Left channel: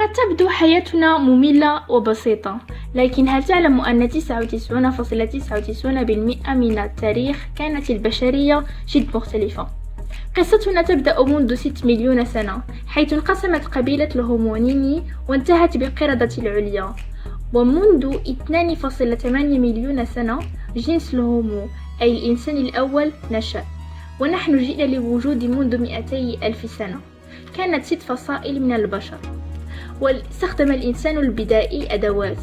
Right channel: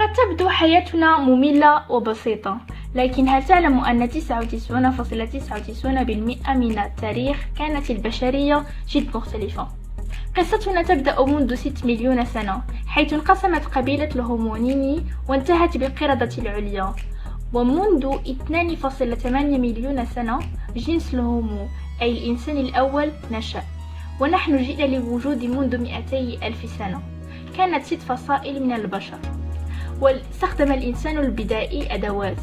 قد تبدو حياتنا مملة وبسيطة، لكن هل تعلم أن 99.99% من التاريخ كانت البشرية جد مختلفة؟ قصتنا تبدأ منذ 6 مليون سنة، حيث انقسمت قبيلة الهومونيني وانتهت بالقردة العليا. ومنذ 2.8 مليون سنة جنس الهومو أي الإنسان الأول نشأ، ونحن جئنا للوجود منذ 200 ألف سنة. كانت 6 فصائل من البشر، واستخدم الإنسان البدائي أدوات،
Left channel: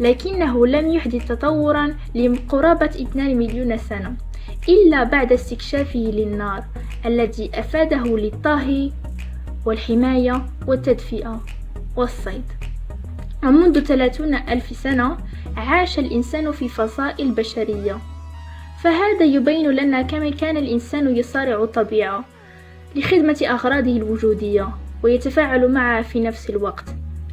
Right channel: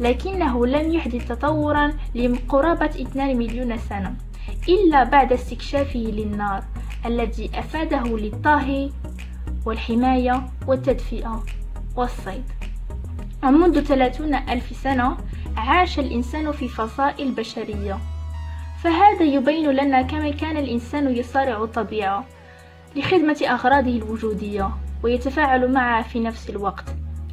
لكنه لم يحدث تطورا لقرابة 2 مليون سنة إلا بعد استكشافه للنار الذي أفاده للطهي والحماية والتدفئة والصيد. ومنذ 30 ألف سنة عاش الإنسان في فصائل بشرية، فهذا يبين لنا كما كان الإنسان يصارع الطبيعة لخدمة أغراضه الوجودية ويتفاعل معها في نفس الوقت،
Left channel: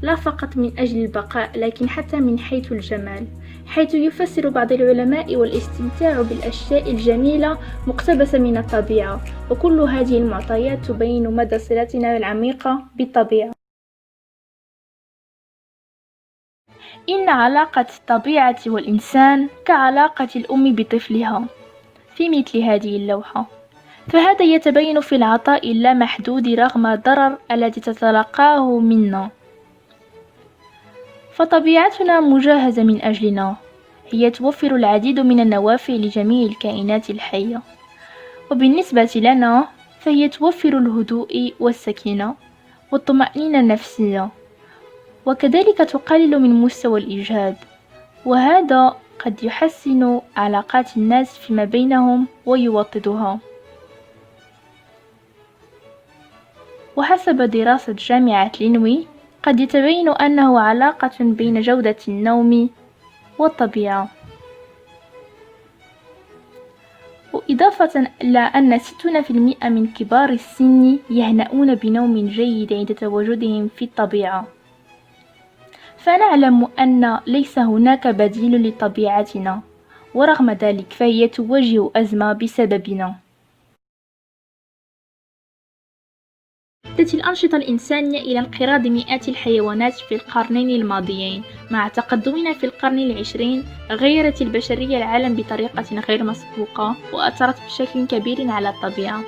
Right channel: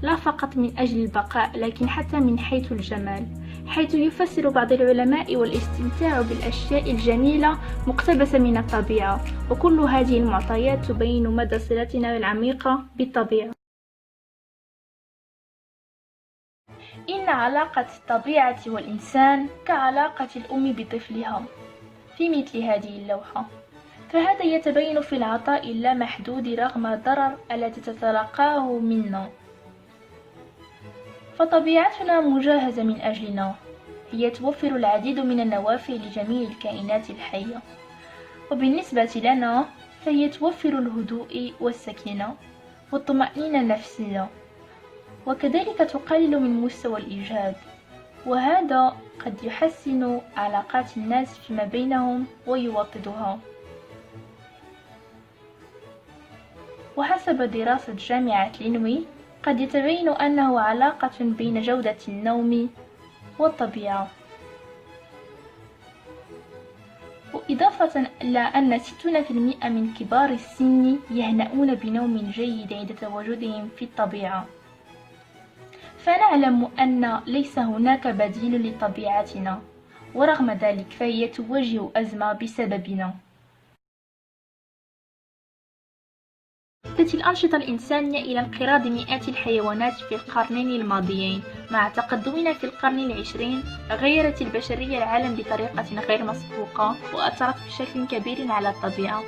لا فقط من أجل البقاء لكن حتى من حيث الجمال، حيث يفسر بعض العلماء والاستمتاع بالأشياء الجميلة مقتبسة من الطبيعة. وكل هذه المعطيات تبين مدى صلتنا العميقة بالطبيعة. إن علاقة الطبيعة والإنسان كعلاقة الأم بطفلها في مثل هذه اللوحة، فهذا يتبين في العطاء اللامحدود رغم الضرر الذي تتلقاه منا. فطبيعتنا مجهزة من أجلنا، هي توفر العديد من النوافع لجميع الكائنات الحية، وبالنسبة لنا فهي توفر الهدوء والسكينة والطمأنينة النفسية، وكذلك تقلل من مستوى الإجهاد، وهذا قد يحسن علاقات الناس فيما بينهم ويوطدها. وحسب دراسة جامعة لينوي قد يتبين أنه علاقة بين جودة النوم والطبيعة. وإضافة إلى أن 60% من كبار السن يهنؤون بنوم جيد عند تواجدهم في الطبيعة، فنعلم أن ليس هناك بديل لطبيعتنا، ورغم ذلك فهي تواجه أزمة بسببنا. أدت الأنشطة الإنسانية إلى انقراض مئات الحيوانات في القرنين الماضيين. مع تقدمنا في القرن العشرين غيرت البشرية العالم بطريقة غير مسبوقة وأثرت بشكل كبير على الطبيعة.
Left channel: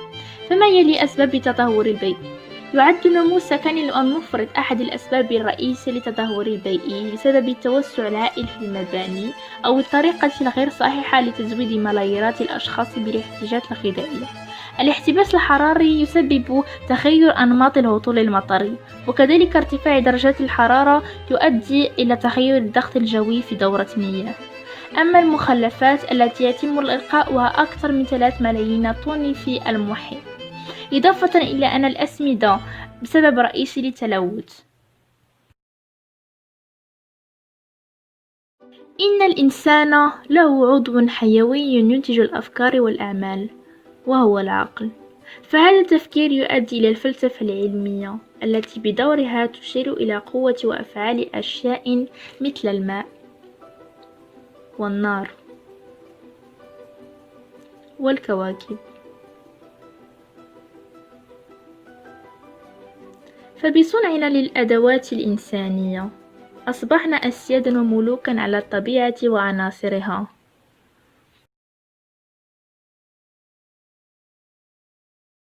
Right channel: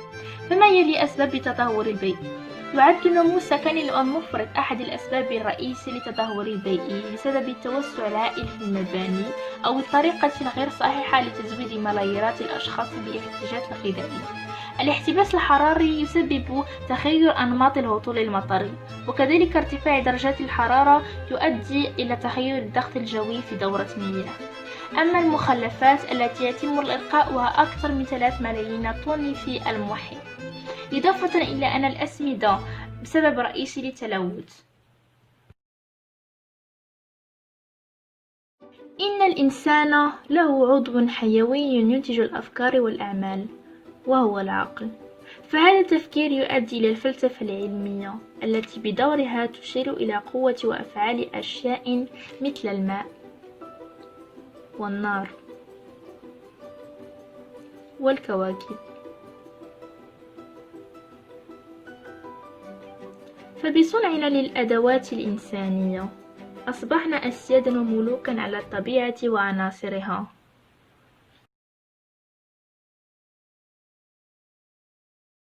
فما يلي أسباب تدهور البيئة؟ يعد النمو السكني المفرط أحد الأسباب الرئيسية للتدهور البيئي بسبب التوسع الهائل في المباني أو الطريقة الغير صحيحة لتزويد ملاييرات الأشخاص بالاحتياجات الغذائية. الاحتباس الحراري يسبب تغير أنماط الهطول المطري، وكذلك ارتفاع درجات الحرارة يؤدي إلى تغير الضغط الجوي في دورة المياه. أما المخلفات التي يتم إلقاؤها أكثر من 3 ملايين طن في المحيط، إضافة إلى أن الأسمدة بسبب رئيسي للتلوث. إن الإنسان له عضو حيوي ينتج الأفكار والأعمال، وهو العقل. فهذا التفكير يؤدي إلى الفلسفة العلمية التي بدورها تشير إلى قوة وأفعال أشياء مثل الماء والنار والكواكب. فبصنعنا للأدوات الإنسانية أصبحنا أسيادا وملوكا على الطبيعة وعناصرها.